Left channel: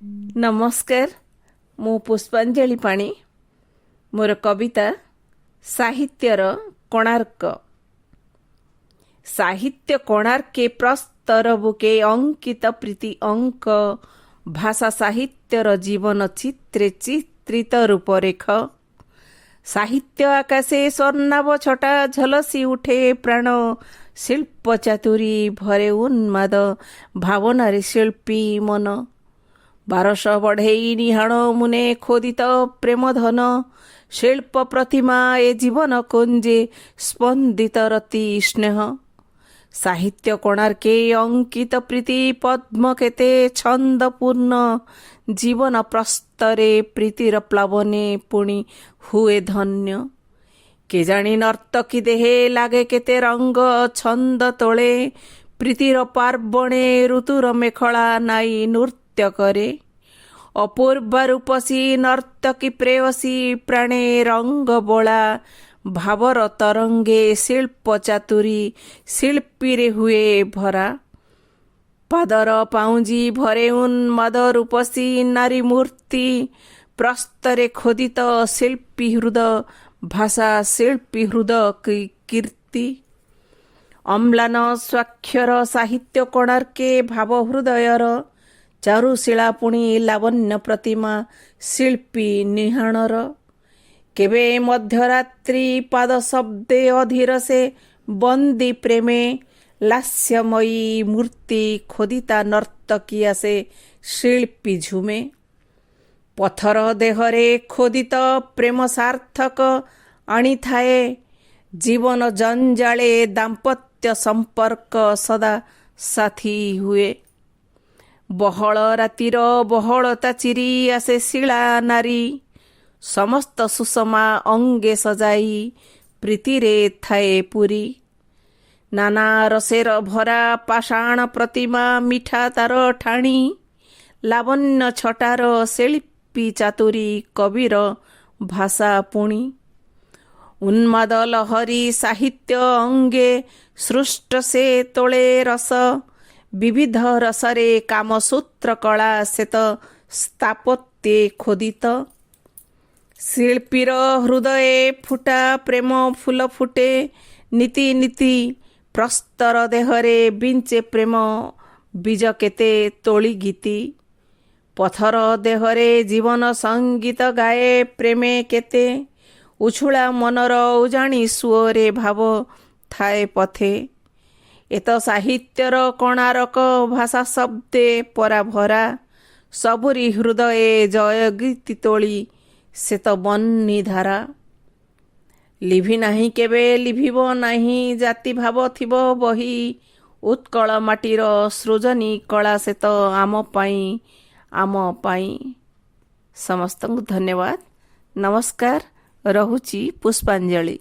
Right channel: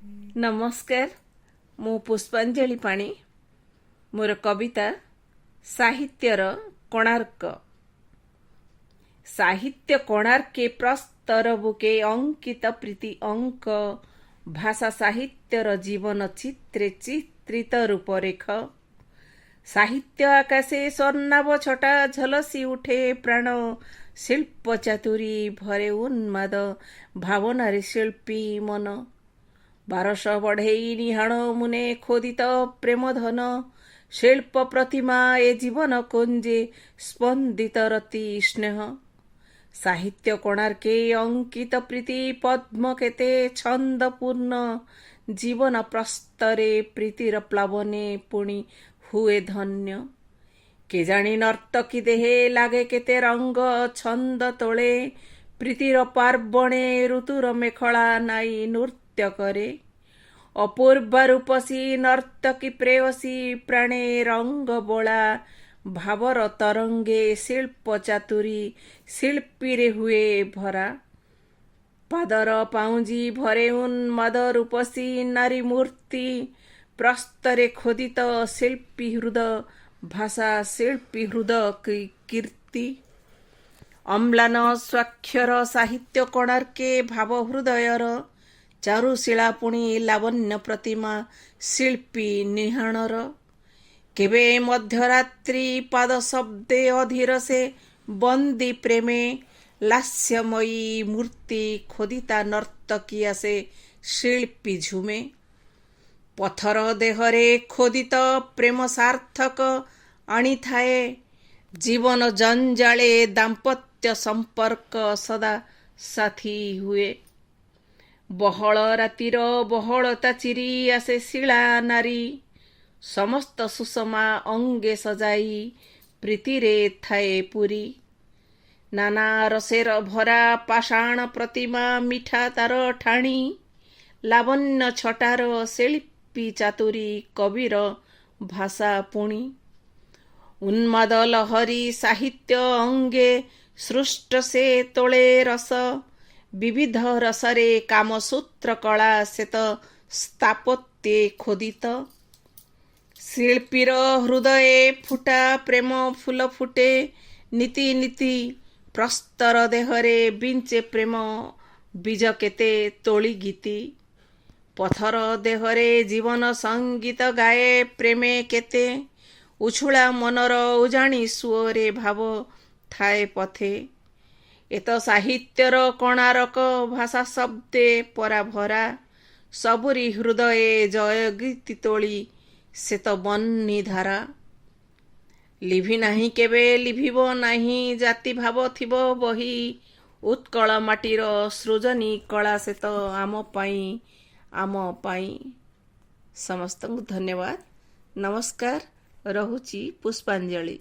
नमस्कार मु पुष्पांजलि पाणी मोर कविता साहित्यर कोणार्क। साहित्य कोणार्के प्रस्तर बुके अंकित प्रीति अंक भाषा साहित्यर जीवन चित्रे चित्रित रूपरेख साहित्य आकाशे स्वर्णाभ छटा झलसी उठे प्राण शिल्प चातुरी भरे उन्माद भावनारे शिल्पी मन 1200 बढ़ई निहाण मुने खोदित प्रेम धन शिल्प प्रतिमा ए जीवन कुंजे स्पंदित रति स्नेह साहित्य कोणार्के अंकित प्रीति पद्म केते छंदपूर्ण जीवन प्रस्तरे प्रीतिर प्लावने पुणी हुए धन्य केजाणी नर्तकी देहे लागे केते रंग छंद तोले प्रीतिर पार्वणे ऋतुर मेखला नाई नृत्य करे अपूर्व रूपसी नर्तकी प्रेयसी प्राणे रंग बोला भावर तरंगे शिल्प चातुरी शिल्पी रे हुए भरा पादर पाउजी भरे उन्माद रूपसी नारी मूर्ति प्रस्तरे खोदित शिल्पी हृदय भाषा शिल्पी हृदय कीर्ति अम्लान स्वाक्षर साहित्य कोणार्के भाव हृदयर चारुशिला पुणी लावण्य प्रतिमा शिल्पी निहाणर केबे मध्यरात्रि पाद शब्दे अधीर से बंदी प्रेमे लास्यमयी मूर्ति खोदिता नर्तकी आसे शिल्पी झुमे पथर देहरे खोदित प्रेम सार्थक आनी थाए जीवन जंजाले दाम्पत्य संपर्क सदा साथी हुए बहल रातिर बहलता चिरी आसे शिला नारी समस्त सुषमा अंगे सजाई प्रीतिरे थाए पुरी नाना रसेर भरा पाषाण प्रतिमा मिठा तार ठाणी लावण्य छटार शिल्पी चातुरी कविर भाषा पुणी उन्माद लहरी साहित्य अंगे सृष्ट से तोले रस विविध रसरे कामसूत्र कला सेत स्थापत्ये खोदित शिल्पीर हृदये फुटा प्रेम फूल फुटे नीति नीति प्रस्तर देहरे बिंचे प्रेम बीज केते तोली गीति पथर देहरे जीवन संगीत गाए प्रेमे केते उछुला मनर उजाणी सुअरे भाव थाए पथे एत साहित्यर कोणार्क भाषा शब्दे परा भरा सबुरी हृदये जय गीति तोली से तो बन्नी धारा लिभि नाही केबे लिभिब नाही जाति भाव थिब बही उत्कल माटीर सृजनी कला से तो आम पाई समस्त धन्यवाद नमस्कार रहुची पुष्पांजलि।